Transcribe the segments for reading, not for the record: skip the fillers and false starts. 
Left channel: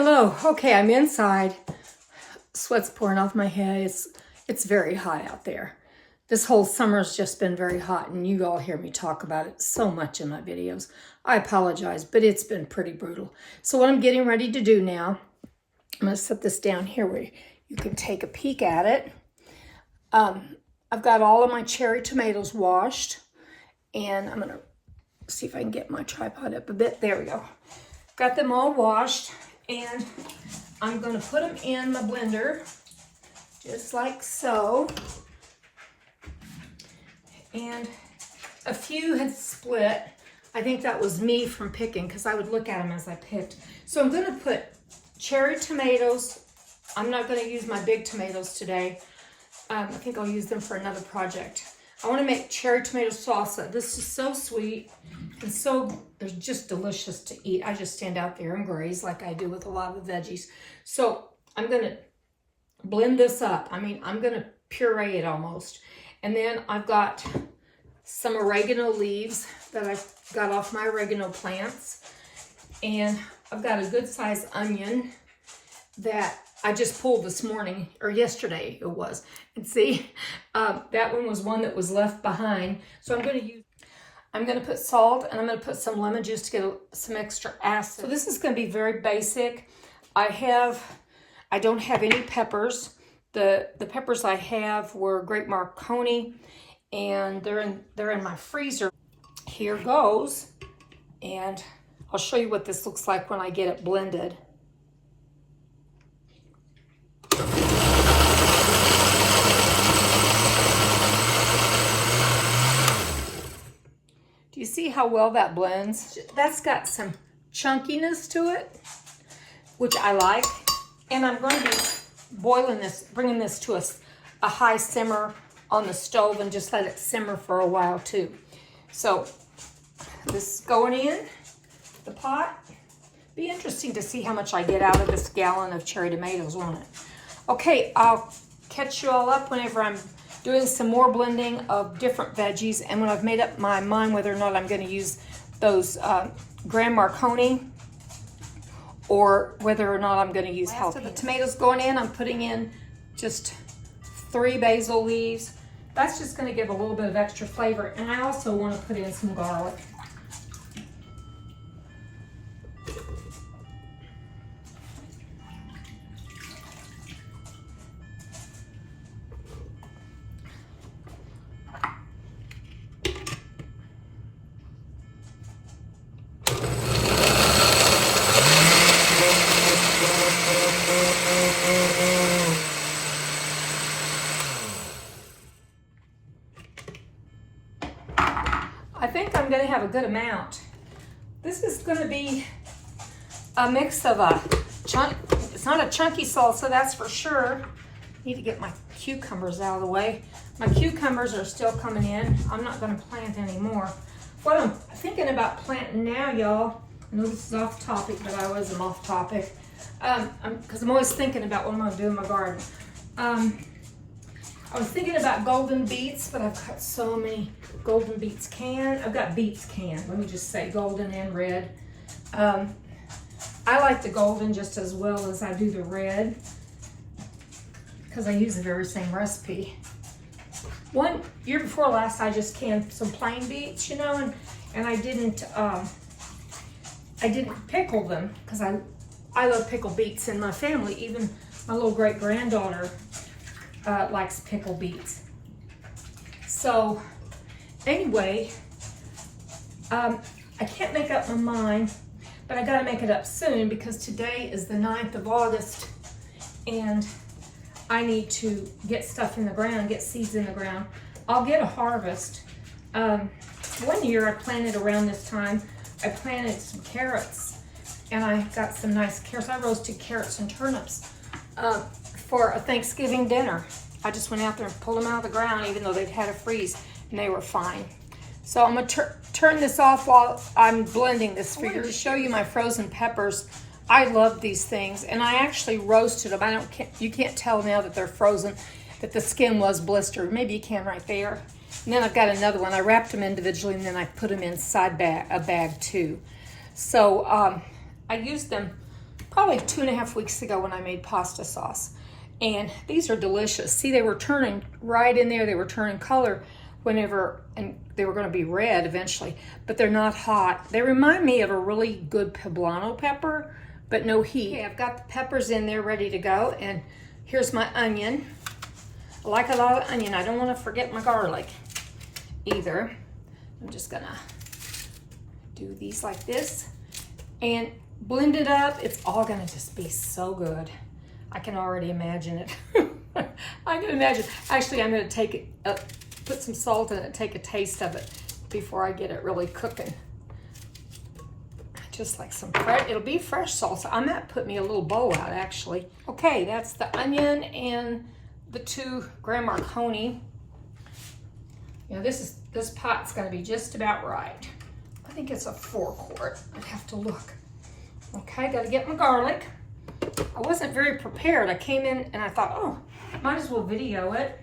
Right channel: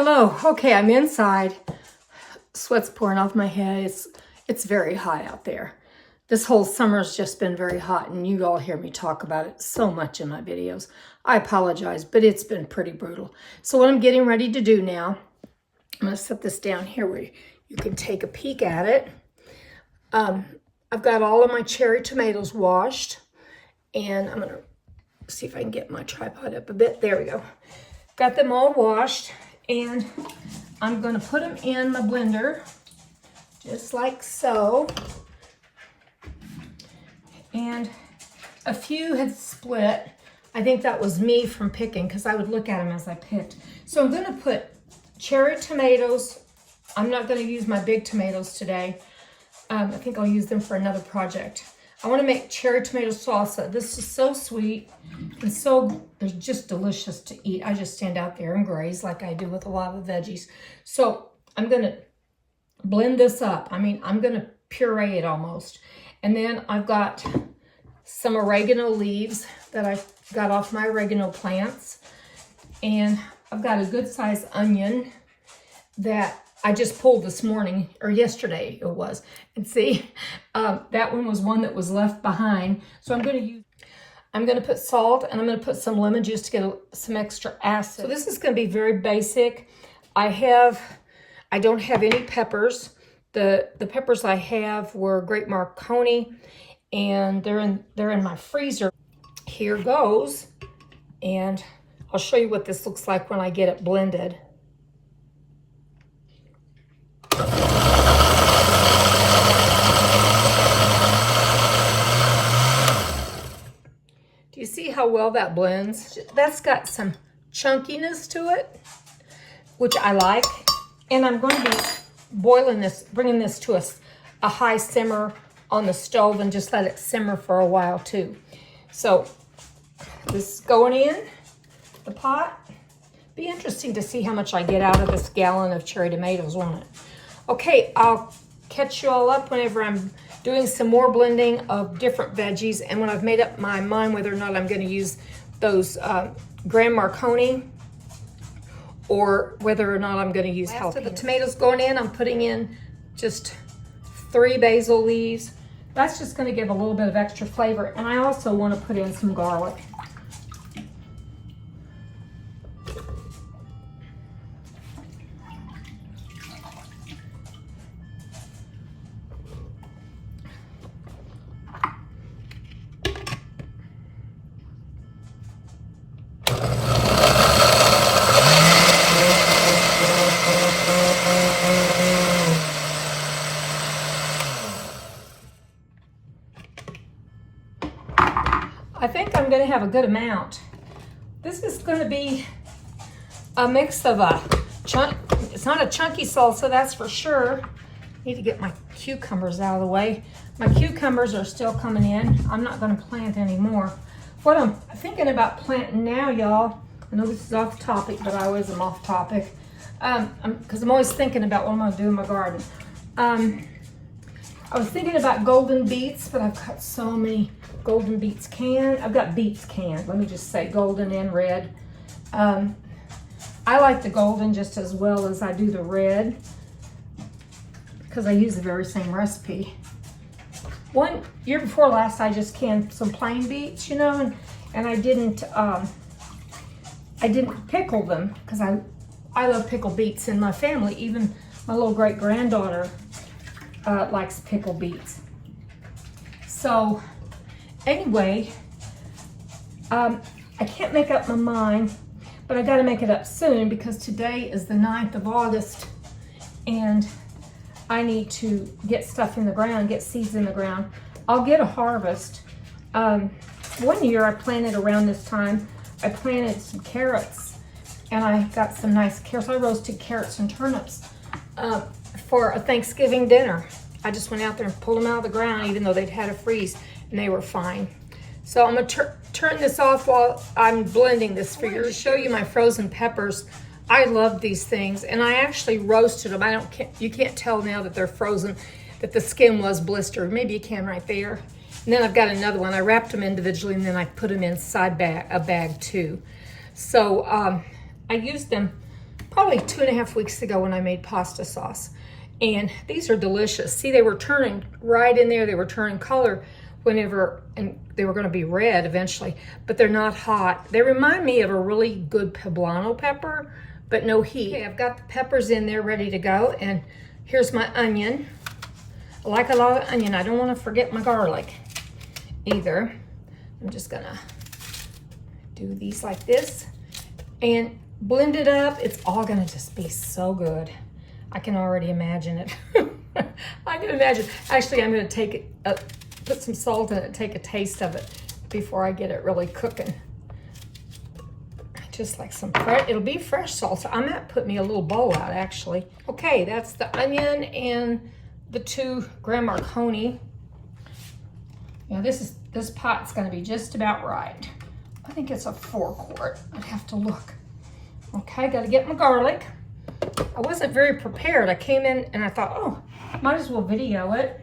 Hello. Okay, I'm inside. Sweat's pouring off my head. It's very hot out there. This whole summer's just been very hot, and you all hear me talk about it so much in my videos. I apologize, but it's been pretty brutal. So what I'm getting ready to do now, I'm going to set this down here where you can take a peek at it. I've got all of my cherry tomatoes washed, and I'm going to see if I can get my tripod up a bit. There we go. Got them all washed, and I'm going to put them in my blender, just like so. And a few had split. I think that was me from picking, because I would look at them as I picked. So I'm going to put cherry tomatoes. I'm not going to use my big tomatoes today. I think I'll use them for another project. I want to make cherry tomato salsa. This is so sweet and it's just delicious to eat. I just stand out there and graze like I do with a lot of the veggies. So I'm going to blend this up. I mean, I'm going to puree it almost. And then I've got some oregano leaves that I got off my oregano plants. And I've got a good sized onion that I just pulled this morning, or yesterday it was. And see, that one was one that was left behind. So I'm going to put salt, and I'm going to put some lemon juice to get some extra acid. So this is going to be very basic. I don't have any peppers. The peppers I have were Great Marconi, and they're in my freezer. Here goes, and I'll show you what this looks like when I get it blended. Do you see how well that blends? That's got some chunkiness to it, which I like. And I'm going to be boiling this, bringing this to a high simmer on the stove and just let it simmer for a while too. So this is going in the pot. Be interesting to see how much I get out of this gallon of cherry tomatoes, won't it? Okay, I'll catch you all up whenever I'm doing some more blending of different veggies, and when I've made up my mind whether or not I'm going to use those Grand Marconi or whether or not I'm going to use jalapeno. After the tomatoes going in, I'm putting in just 3 basil leaves. That's just going to give a little bit of extra flavor, and I also want to put in some garlic. I think I'm going to have a good amount. This is going to be a mix of it's not a chunky salsa, that's for sure. Need to get my cucumbers out of the way. My cucumbers are still coming in. I'm not going to plant anymore. What I'm thinking about planting now, y'all, I know this is off topic, but I always am off topic, because I'm always thinking about what I'm going to do in my garden. I was thinking about golden beets, but I've got so many golden beets canned. I've got beets canned. Let me just say golden and red. I like the golden just as well as I do the red because I use the very same recipe. One year before last, I just canned some plain beets, you know, and I didn't pickle them because I love pickled beets in my family. Even my little great granddaughter likes pickled beets. So anyway, I can't make up my mind, but I got to make it up soon because today is the 9th of August and I need to get stuff in the ground, get seeds in the ground. I'll get a harvest. One year I planted around this time, I planted some carrots and I got some nice carrots. I roasted carrots and turnips for a Thanksgiving dinner. I just went out there and pulled them out of the ground even though they'd had a freeze, and they were fine. So I'm going to turn this off while I'm blending this for you to show you my frozen peppers. I love these things, and I actually roasted them. You can't tell now that they're frozen, that the skin was blistered. Maybe you can right there. And then I've got another one. I wrapped them individually, and then I put them inside a bag too. So I used them probably 2.5 weeks ago when I made pasta sauce. And these are delicious. See, they were turning right in there. They were turning color whenever, and they were gonna be red eventually, but they're not hot. They remind me of a really good poblano pepper, but no heat. Okay, I've got the peppers in there ready to go, and here's my onion. I like a lot of onion. I don't wanna forget my garlic either. I'm just gonna do these like this and blend it up. It's all gonna just be so good. I can already imagine it. I can imagine. Actually, I'm gonna take it, put some salt in it, take a taste of it before I get it really cooking. Just like some fresh, it'll be fresh salsa. I might put me a little bowl out actually. Okay, that's the onion and the 2 Grand Marconi. You know, this pot's gonna be just about right. I think it's a 4 quart. I'd have to look. Okay, gotta get my garlic. I wasn't very prepared. I came in and I thought, oh, might as well video it.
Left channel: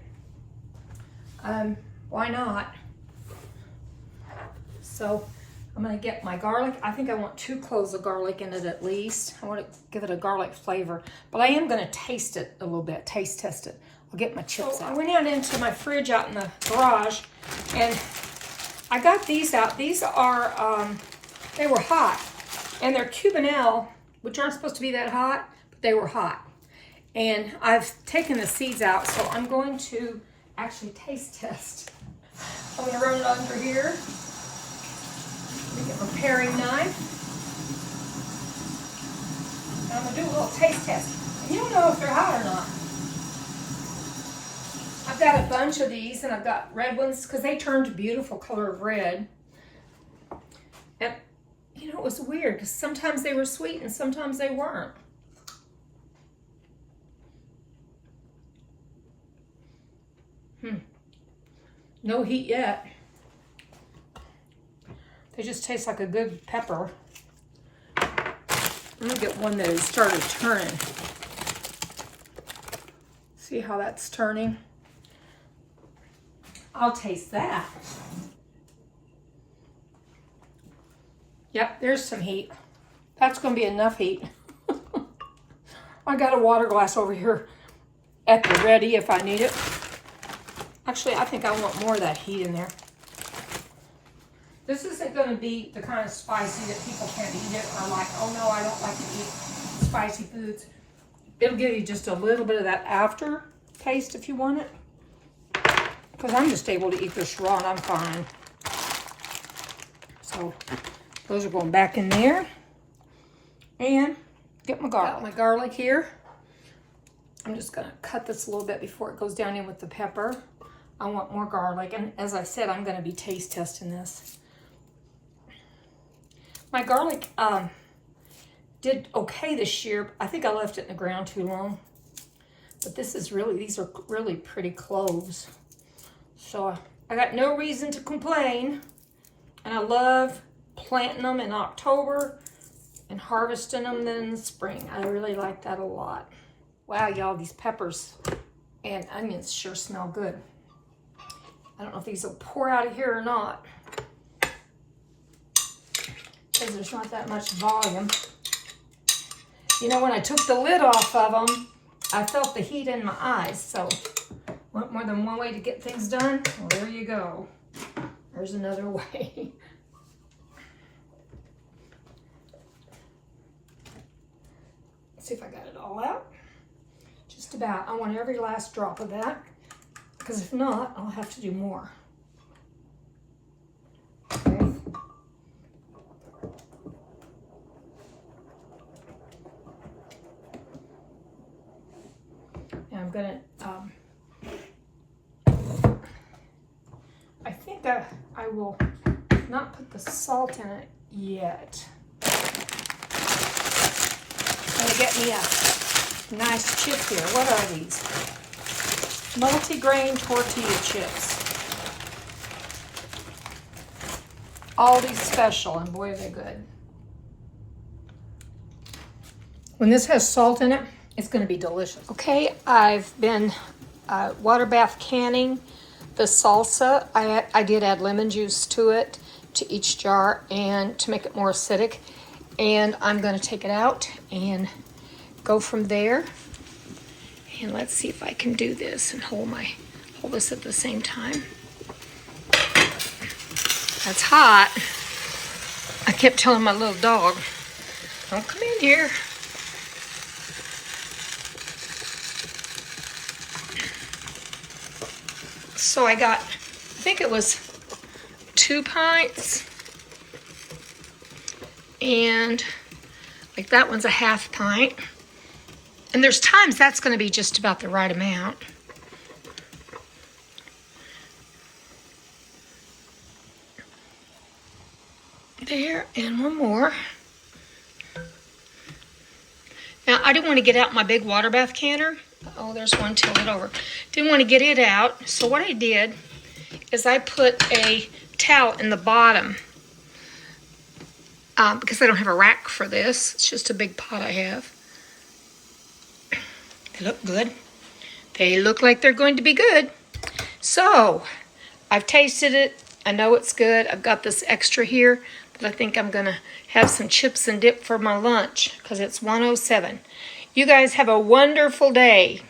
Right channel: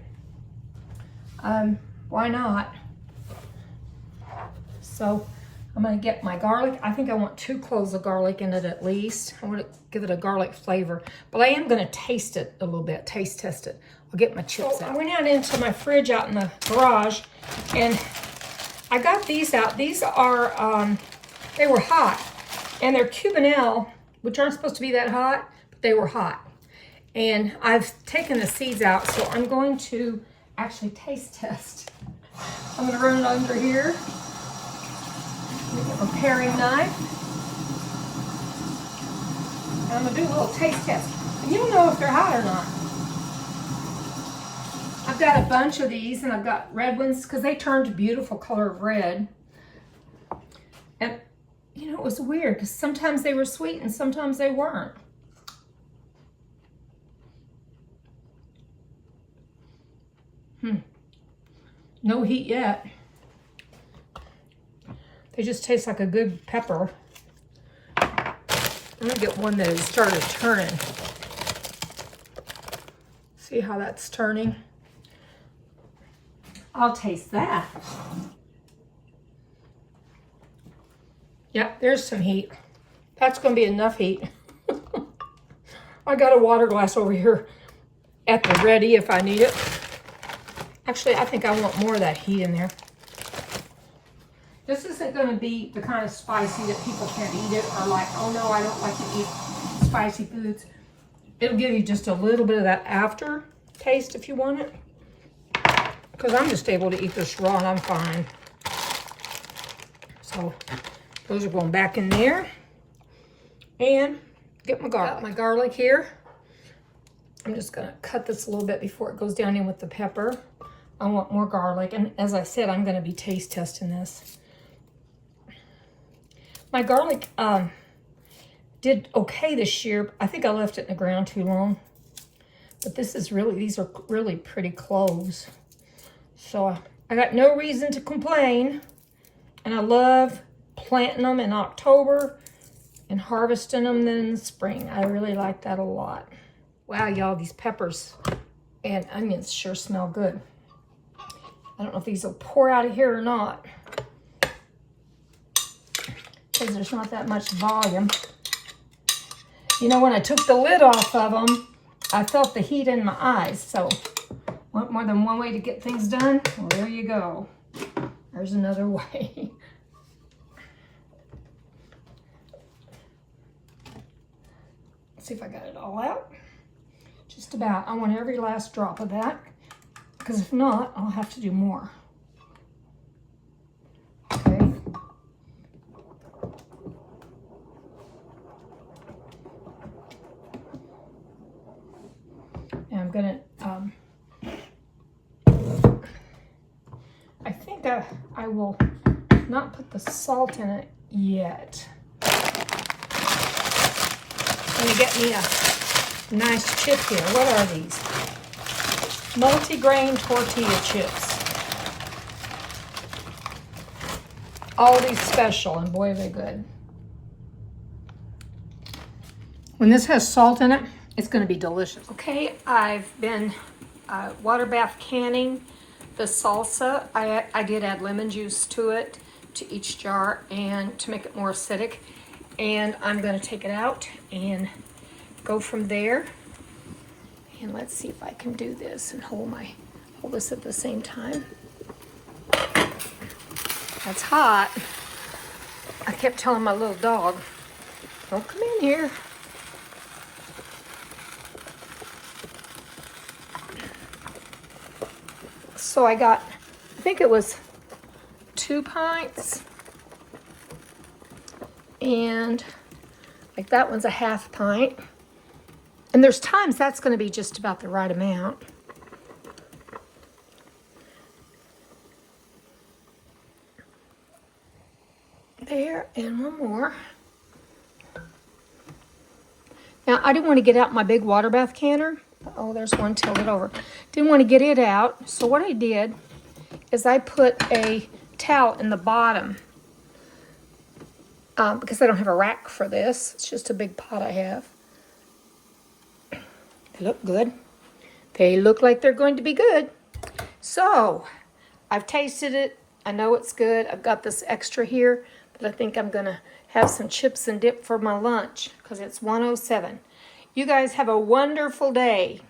Why not? So I'm gonna get my garlic. I think I want 2 cloves of garlic in it at least. I want to give it a garlic flavor, but I am gonna taste it a little bit, taste test it. I'll get my chips out. I went out into my fridge out in the garage and I got these out. These are, they were hot and they're Cubanelle, which aren't supposed to be that hot, but they were hot. And I've taken the seeds out, so I'm going to actually taste test. I'm gonna run it under here. Get my paring knife. And I'm gonna do a little taste test. And you'll know if they're hot or not. I've got a bunch of these and I've got red ones because they turned a beautiful color of red. And you know, it was weird because sometimes they were sweet and sometimes they weren't. No heat yet. They just taste like a good pepper. I'm gonna get one that has started turning. See how that's turning? I'll taste that. Yep, there's some heat. That's gonna be enough heat. I got a water glass over here at the ready if I need it. Actually, I think I want more of that heat in there. This isn't gonna be the kind of spicy that people can't eat it or like, oh no, I don't like to eat spicy foods. It'll give you just a little bit of that after taste if you want it. Because I'm just able to eat this raw and I'm fine. So those are going back in there. And get my garlic. Got my garlic here. I'm just gonna cut this a little bit before it goes down in with the pepper. I want more garlic, and as I said, I'm gonna be taste testing this. My garlic did okay this year. I think I left it in the ground too long. But these are really pretty cloves. So I got no reason to complain. And I love planting them in October and harvesting them then in the spring. I really like that a lot. Wow, y'all, these peppers and onions sure smell good. I don't know if these will pour out of here or not, because there's not that much volume. You know, when I took the lid off of them, I felt the heat in my eyes. So, want more than one way to get things done? Well, there you go. There's another way. Let's see if I got it all out. Just about. I want every last drop of that, because if not, I'll have to do more. Okay. And I'm gonna, I think I will not put the salt in it yet. I'm gonna get me a nice chip here. What are these? Multi-grain tortilla chips. Aldi's special, and boy, are they good. When this has salt in it, it's going to be delicious. Okay, I've been water bath canning the salsa. I did add lemon juice to it, to each jar, and to make it more acidic. And I'm going to take it out and go from there. And let's see if I can do this and hold this at the same time. That's hot. I kept telling my little dog, don't come in here. So I got, I think it was 2 pints. And like that one's a half pint. And there's times that's going to be just about the right amount. There, and one more. Now, I didn't want to get out my big water bath canner. Oh, there's one tilted over. Didn't want to get it out. So what I did is I put a towel in the bottom because I don't have a rack for this. It's just a big pot I have. They look good. They look like they're going to be good. So, I've tasted it. I know it's good. I've got this extra here, but I think I'm going to have some chips and dip for my lunch because it's 1:07. You guys have a wonderful day.